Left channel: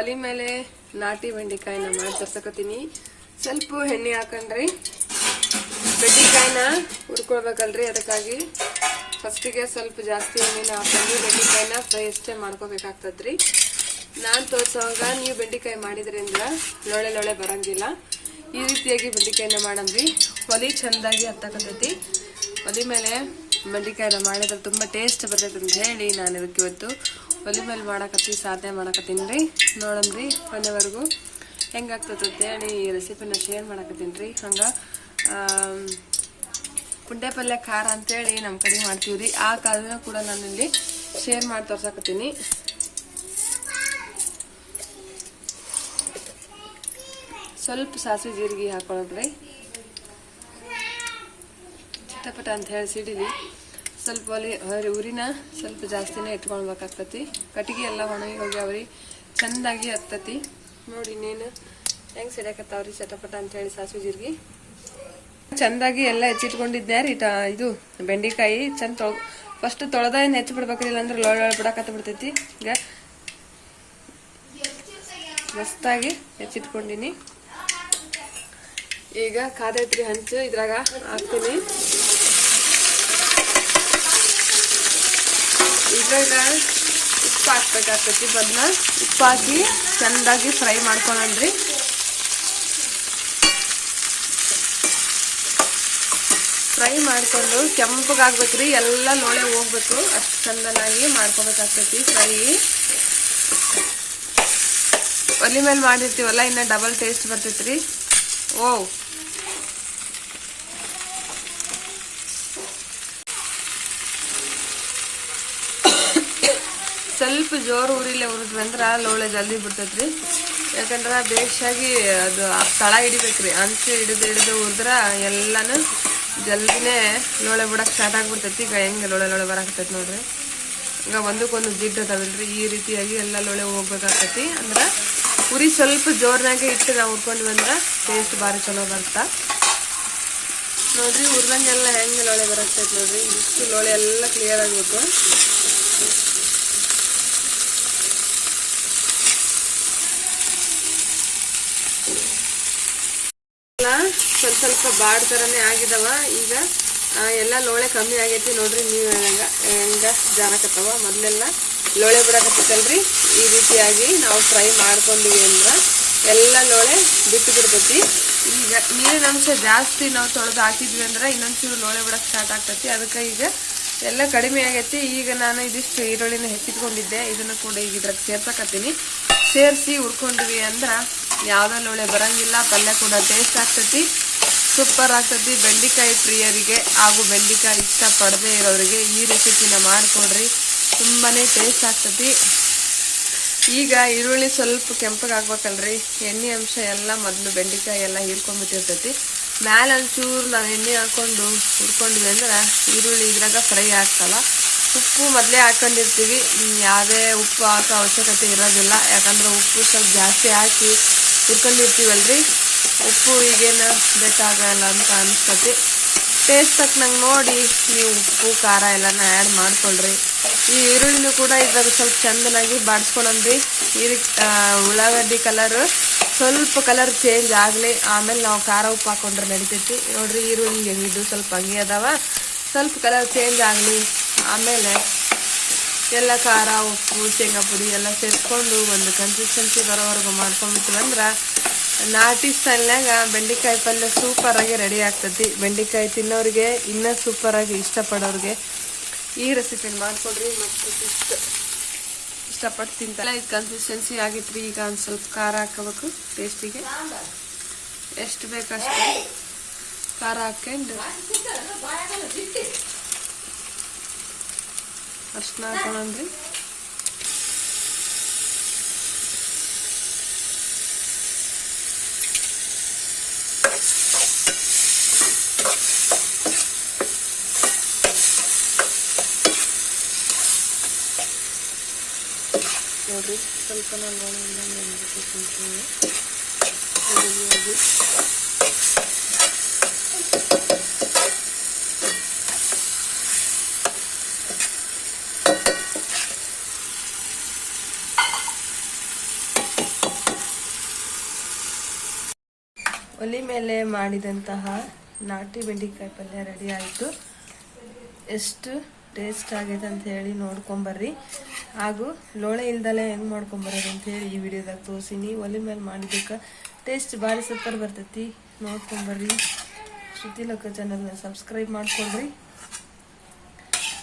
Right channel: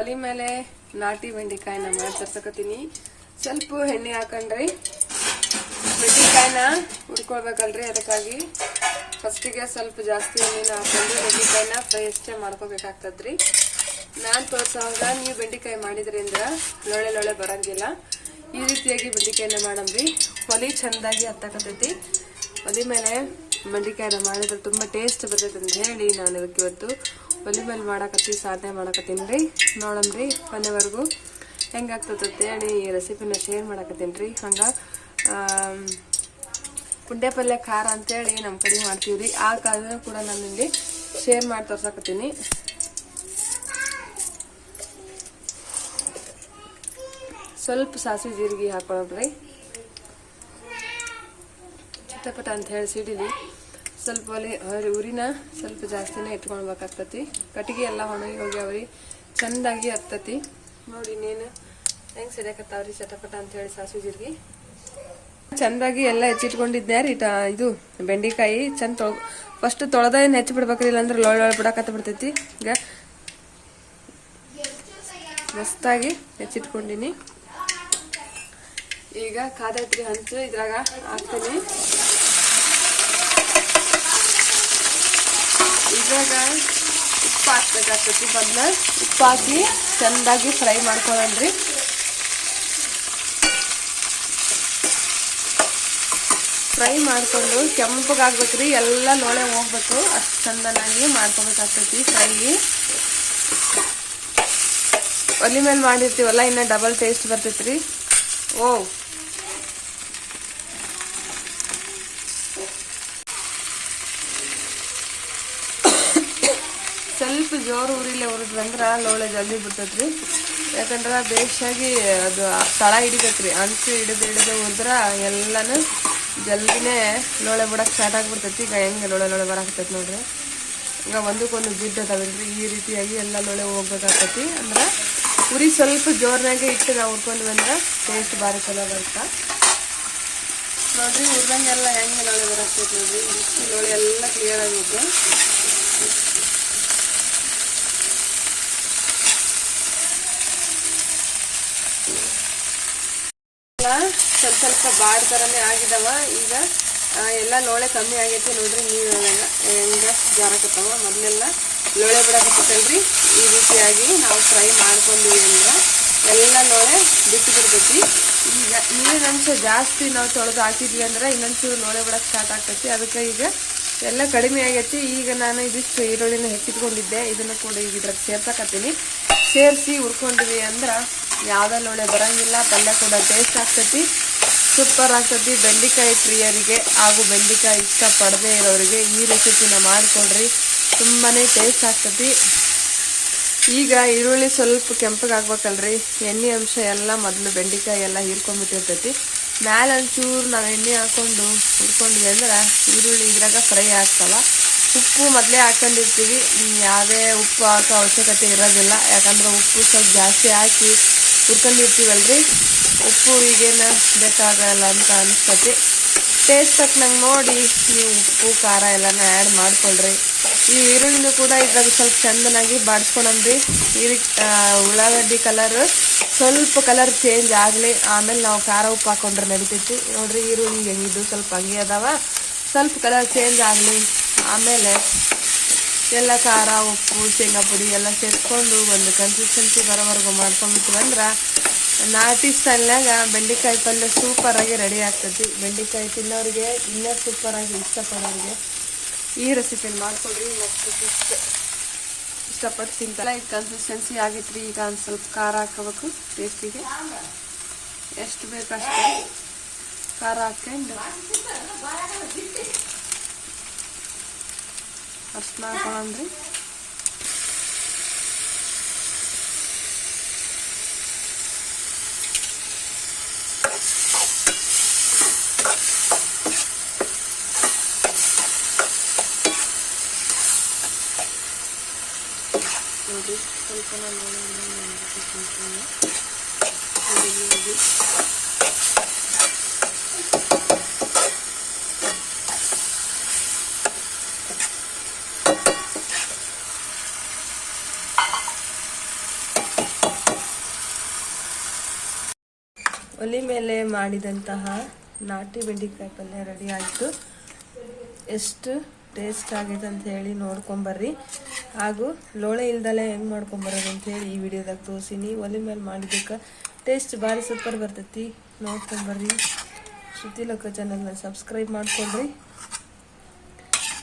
ಒಲಿ ಮೇಲೆ ನಾಟಿ ಬೆಂಡೆಕಾಯಿನ ಮಾಡಿ ತರ್ಸಕತ್ತೀನಿ. ಸ್ವಲ್ಪ ಎಣ್ಣೆ ಹಾಕೊಂಡ್ರಿ ಬೆಂಡೆಕಾಯಿನ ಹುರ್ಕೊಳ್ಬೇಕಲ್ರಿ ಅದಕ್ಕಾಗಿ. ಫಸ್ಟಿಗೆ ಸ್ವಲ್ಪ ಜಾಸ್ತಿ ಎಣ್ಣೆನ ಹಾಕೊಂಡು ಬೆಂಡೆಕಾಯಿನ ಫ್ರೈ ಅಷ್ಟೇ ಮಾಡ್ಕೋಬೇಕಾಗ್ತದ್ರಿ. ನಾನು ತೋರಿಸೋವಾಗ ನೀವು ಬೆಂಡೆಕಾಯಿ ಮಾಡಿದ್ರಿಂದ ಲೊಳೆ ಲೊಳೆ ಬರಂಗಿಲ್ಲ. ಈ ರೀತಿಯಾಗಿ ಬೆಂಡೆಕಾಯಿನ ಮಾಡಂಬ್ರಿ ಒಲಿ ಚೆಂದಾಗಿ ಹತ್ತಕತೈತಿ ಒಲಿ ಮೇಲೆ ಬೆಂಡೆಕಾಯಿನ ಮಾಡಿದ್ರೆ ತುಂಬ ಟೇಸ್ಟ್ ಬರ್ತೈತೆ ಅಂತ ಹೇಳಿ ನಾನು ಇದಕ್ಕೆ ಇವತ್ತು ಒಲೆ ಮೇಲೆ ಮಾಡಕತ್ತಿ ಸಾಧನೆ ಮಾಡಕತ್ತೀನಿ ರೀ. ನೋಡಮ್ರಿ ಕೊನೆವರೆಗೂ ಹೆಂಗಾಗ್ತದೆ ಅಂತ ಹೇಳಿ ಈ ರೆಸಿಪಿನ ಶೇರ್ ಮಾಡಕತ್ತೀನಿ ರೀ. ಹಂಗೆ ಪುಂಡೆ ಪಲ್ಯ, ಖಾರ ಅಂತೇಳಿ ನಮ್ಮ ಕಡೆ ಮಾಡ್ತೀವಿ ರೀ. ಆ ಖಾರನ ಕೂಡ ನಾನು ಇಲ್ಲಿ ಶೇರ್ ಮಾಡಿ ತೋರ್ಸಕತ್ತೀನಿ. ಸ್ವಲ್ಪ ಸಾಸಿವೆ ಜೀರಿಗೆ ಹಾಕೊಳ್ಳೋಣ್ರಿ ಚಿತ್ತಪಟ ಅಂತ ಹೇಳಿ ಸಿಡಿಲಿ ಸ್ವಲ್ಪ ಒಲಿ ಹೊರ- ಉರಿನ ಸ್ವಲ್ಪ ಜಾಸ್ತಿನೇ ಇಟ್ಕೊಳ್ಬೇಕಾಗ್ತತಿ ಕಟ್ಟಿಗೆ ಎಲ್ಲ ಒಣಗಿ ಹೋಗ್ಯಾವ್ರಿ ಚಂದಾಗಿ ಹತ್ತತಿ. ನೋಡಿ ಇನ್ನೇನು. ಹೆಂಗೆ ಸಿಡಕತ್ತಾವ್ರಿ ಚಟಪಟ ಅಂತ ಹೇಳಿ ಸಾಸಿವೆ ಜೀರಿಗೆ ಚೆಂದಾಗಿ ಎಲ್ಲ ಹೆಚ್ಚಿಟ್ಕೊಂಡಿದ್ದೆ ರೀ ಇದು ಬೆಂಡೆಕಾಯಿ. ಚಂದ ತೊಳ್ ಫಸ್ಟ್ ತೊಳೆದ ಹೆಚ್ಚಿ ಬಿಡ್ಬೇಕ್ರಿ ಇಲ್ಲಾಂದ್ರೆ ಲೊಳ್ ಬಿಡಕತ್ತ ಬಿಡ್ತೈತಿ ಈಗ ಮಸ್ತಾಗಿ ಹೆಚ್ಚಿಟ್ಕೊಂಡಿನಿ ಈಗ ಕಾದೈತ್ರಿ ಹಂಚು ಇದ್ರಾಗ ಹಾಕ್ತೀನಿ. ಇದ್ರಾಗ ಉಪ್ಪು ಹಾಕ್ಬೇಕಾಗ್ತೈತಿ ಬದ್ನ ಉಪ್ಪು ಹಾಕಿ ಚೆಂದಾಗಿ ಫ್ರೈ ಮಾಡ್ಕೊಳ್ಳೋಣ್ರಿ ಫ್ರೈ ಮಾಡ್ಕೊಂಡು ಕೆಂಪಗಾಗ್ಬೇಕ್ರಿ ಎಲ್ಲ ನೋಡೆ ಹೋಗ್ಬೇಕು. ಅಷ್ಟು ಚಂದನಾಗಿ ಮಾಡ್ಕೋಬೇಕಾಗ್ತತಿ ಫ್ರೈ. ಒಲಿ ಮೇಲೆ ಮಾಡಿರ್ತೀವಲ್ಲ ಇನ್ನ ಡಬಲ್ ಟೇಸ್ಟ್ ಬರ್ತೈತ್ರಿ. ಓ ಸ್ವಲ್ಪ ಜೋರು ಉರಿಲೆ ಉರಿದ್ವಿ ಅಂದ್ರ ಲೋಳೆ ಜಲ್ದಿ ಬಿಡ್ತೈತ್ರಿ ಯಾಕಂದ್ರ ಬೇಸಾಗಿ ಅದು ತಳ ಹಿಡಿಬೇಕ್ರಿ. ಅಂಚು ಹಿಡಿದು ಹಿಡಿದು ಉರಿದ್ರ ಎಲ್ಲಾನು ಜಲ್ದಿನೇ ಲೋಳೆ ಬಿಡಕ್ ಸ್ಟಾರ್ಟ್ ಆಗ್ಬಿಡ್ತೈತಿ. ಈಗ ಹೆಂಗೆ ಲೋಳೆ ಲೋಳೆ ಬರಾಕತ್ತೈತಿ ನೋಡ್ರಿ. ಈಗ ಒಂದಕ್ಕೊಂದು ಜಿಡ್ ಅದಾವಲ್ರಿ. ಈ ರೀತಿಯಾಗಿ ಎಲ್ಲ ಲೋಳೆ ಹೋಗ್ಬೇಕಾಗ್ತೈತಿ. ಅಂದ್ರ ಉರಿ ಸ್ವಲ್ಪ ಜೋರ್ನಾಗೆ ಇಟ್ಟು ನಾವು ಹುರ್ಕೊಂಡ್ವಿ ಅಂದ್ರ ಟೇಸ್ಟ್ ಭಾರಿ ಚಲೋ ಬರ್ತಾ ನೋಡ್ರಿ ಹುರ್ದಂಗೆಲ್ಲ ಹೆಂಗೆ ಲೋಳೆ ಬರಾಕ್ತೈತಿ ನೋಡ್ರಿ. ಇಷ್ಟು ಲೋಳೆ ಎಲ್ಲ ಕ್ಲಿಯರ್ ಆಗಿದ್ದು ಎಲ್ಲ ಸ್ವಲ್ಪ ಸ್ವಲ್ಪ ಬಾಡ್ ಥರನೇ ಆಗಿದವ. ಈಗ ಎಲ್ಲ ಲೋಳೆ ಕಮ್ಮಿ ಆಗೈತಿ ನೋಡ್ರಿ ನೀವು ಹೆಂಗ ಹೆಂಗ ಜಾರಕತ್ತವ? ಮೊದಲೆಲ್ಲ ಲೋಳೆ ಬಿಡಕತ್ತಲ್ರಿ ಈ ರೀತಿಯಾಗಿ ನಾವು ಫ್ರೈ ಮಾಡ್ಕೊಂಡಿವಿ ಅಂದ್ರ ಎಲ್ಲ ಲೋಳೆ ಬಿಟ್ಟು ಬಿಡ್ತೈತಿ. ಈಗ ನೀರಿನ ಅಂಶ ಜಾಸ್ತಿ ನಾವು ತೊಳೆದು ಹಾಕಿದ್ವಿ ಅಂದ್ರ ಇನ್ನೊಂದ್ಸೂರು ಲೋಳೆ ಬಿಡಕ್ ಸ್ಟಾರ್ಟ್ ಆಗ್ತೈತಿ. ಅದಕ್ಕೆ ಈಗ ಎಲ್ಲ ಕಡಿಮೆ ಆಗೈತಿ. ಈಗ ನಾನು ಇದಿಷ್ಟು ಈರುಳ್ಳಿನ ಹೆಚ್ಚಿಟ್ಕೊಂಡಿದ್ದೆ. ಇದನ್ನ ಕೂಡ ಈಗ ಇದ್ರಾಗ ಸೇರ್ಸಕತ್ತೀನಿ. ಸೇರಿಸಿ ಹುರ್ಕೊಂಡ್ವಿ ಅಂದ್ರೆ ಯಾವ್ದ ಲೋಳೆ ಬರಂಗಿಲ್ಲ. ಪಲ್ಯ ಕೂಡ ಟೇಸ್ಟ್ ಆಗ್ತೈತಿ. ಸೂಪರ್ ಆಗ್ತದೆ ಬೆಂಡೆಕಾಯಿ ಪ್ರಿಯರಿಗೆ ಹಾಗೂ ಬೆಂಡೆಕಾಯಿ ಇಷ್ಟ ಪಡದೆ ಇರೋರಿಗೆ ಈ ರೆಸಿಪಿನ ಮಾಡಿಕೊಡ್ರಿ. ತುಂಬಾ ಟೇಸ್ಟ್ ಆಗ್ತದೆ. ಈಗ ಈರುಳ್ಳಿ ಸ್ವಲ್ಪ ಕೆಂಪಗಾಗ್ಬೇಕಲ್ರಿ. ಎಣ್ಣೆ ಅಂಶ ಎಲ್ಲ ಮೊದಲು ಬೆಂಡೆಕಾಯಿ ಎಲ್ಲ ಹೀರ್ಕೊಂಡ್ಬಿಟ್ಟಿರ್ತೈತಿ. ಮ್ಯಾಲ ಒಂಚೂರು ನಾವು ಎಣ್ಣೆ ಹಾಕ್ಕೊಂಡು ಹುರ್ಕೊಂಡ್ವಿ ಅಂದ್ರೆ ಈರುಳ್ಳಿ ಇದ್ರಾಗ ಫ್ರೈ ಆಗ್ತಾವ. ಉಪ್ಪು ಮೊದಲೇ ಹಾಕೊಂಡಿರ್ತೀವಿ. ಯಾವುದೇ ಉಪ್ಪು ಹಾಕೋ ಅವಶ್ಯಕತೆ ಇರೋದಿಲ್ಲ. ಯಾಕಂದ್ರೆ ಉಪ್ಪು ಸ್ವಲ್ಪ ಜಾಸ್ತಿ ಹಾಕಿ ಹುರ್ಕೊಂಡಿರ್ತೀವಲ್ರಿ. ಉಪ್ಪು, ಈಗೇನು ಬೇಕಾಗಲ್ಲ ಅಂತ ಅನಿಸ್ತತಿ ಟೇಸ್ಟ್ ತಕ್ಕನಂಗೆ ನೋಡಿ ನೀವು ಉಪ್ಪು, ಖಾರ ಎಲ್ಲನ ಆ್ಯಡ್ ಮಾಡ್ಕೊಳ್ರಿ. ಈ ಈರುಳ್ಳಿನೂ ಕೂಡ ಇದ್ರಾಗ ಸ್ವಲ್ಪ ಚಂದನಾಗಿ ಬಾಡ್ಸ್ಕೊಳಮ್ರಿ ಈರಿ ಉಳ್ಳಾಗಡ್ಡಿ ಕಲರ್ ಸ್ವಲ್ಪ ಕಲರ್ ಚೇಂಜ್ ಆಗಲಿ. ಆಮೇಲೆ ನಾವು ಖಾರ ಉಪ್ಪು ಹಾಕೊಂಡ್ರೆ ನಡಿತೈತಿ. ನೋಡ್ರಿ ಈರುಳ್ಳಿ ಹೆಂಗಿದ್ದು ಸ್ವಲ್ಪ ಹಂಗೆ ಅದಾವ. ಸ್ವಲ್ಪ ಕಲರ್ ಚೇಂಜ್ ಆಗಲಿ. ಆಮೇಲೆ ಎಲ್ಲ ಖಾರ, ಉಪ್ಪು, ಶೇಂಗಾ ಪುಡಿ ಎಲ್ಲ ಸೇರಿಸ್ಕೊಂಡು ಒಂದು ಕನ್ಸಿಸ್ಟೆನ್ಸಿ ಬರೋವರೆಗೂ ಮಾಡ್ಕೊಂಡ್ಬಿಟ್ಟು ಅಂದ್ರೆ ನಾಟಿ ಸ್ಟೈಲ್ನಾಗ ಬೆಂಡೆಕಾಯಿ ಪಲ್ಯ ಸೂಪರ್ ಆಗಿ ರೆಡಿ ಆಗ್ತೈತಿ. ಬೆಂಡೆಕಾಯಿ ತಿನ್ನೋರಿಗೆ ಇನ್ನೂ ಸೂಪರ್ ಆಗಿ ಇಷ್ಟಪಡೋರಿಗೆ ಈ ರೆಸಿಪಿನ ಮಾಡಿಕೊಡ್ರಿ ಮತ್ತೆ ಇಷ್ಟ ಇಷ್ಟಪಟ್ಟು ತಿಂತಲ್ಲ ಇದು ಕನ್ಸಿಸ್ಟೆನ್ಸಿ ಆಗೈತ್ರಿ. ಈಗ ಒಂದು ಸ್ವಲ್ಪ ಖಾರ ಹಾಕೋಬೇಕು ಟೇಸ್ಟಿಗೆ ಎಷ್ಟು ಬೇಕಷ್ಟು ಖಾರ ಹಾಕೊಂಡು ಅರ್ಶಿನ ಹಾಕೊಳ್ಳೋಣ್ರಿ ನೋಡಿರಿ ಸ್ವಲ್ಪ ನಾನು ಒಲೆ ಮೇಲೆ ಮಾಡಿದಂತಹ ನಾಟಿ ಬೆಂಡೆಕಾಯಿ ಪಲ್ಯ ರೆಡಿ ಆಯಿತು. ಎಷ್ಟು ಟೇಸ್ಟ್ ಆಗೈತೆ ಅಂತ ಹೇಳಿ ನೋಡ್ಕೊಂಬರ್ರಿ ಹಾಗೂ ಲೋಳೆ ಇಲ್ದಲೆ ಹೆಂಗೆ ಮಾಡ್ಕೊಂಬರೋದು ಅಂತ ಹೇಳಿ ಈ ವಿಡಿಯೋದಾಗ ತೋರಿಸಿನಿ ಒಲೆ ಮೇಲೆ ಮಾಡಿದ್ದಕ್ಕೆ ಟೇಸ್ಟ್ ಭಾರಿ ಸೂಪರ್ ಬರ್ತೈತಿ. ನೋಡ್ಕೊಂಬರ್ರಿ ಲೋಕ ಚಾನಲ್ನ ಸಬ್ಸ್ಕ್ರೈಬ್ ಮಾಡ್ಕೊಳ್ರಿ.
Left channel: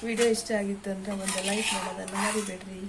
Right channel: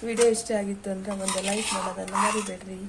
ವಿಡಿಯೋ ಇಷ್ಟ ಆಗಿತ್ತು ಅಂದ್ರೆ ಒಂದು ಲೈಕ್ ಮಾಡೋದನ್ನು ಮರಿಬೇಡ್ರಿ.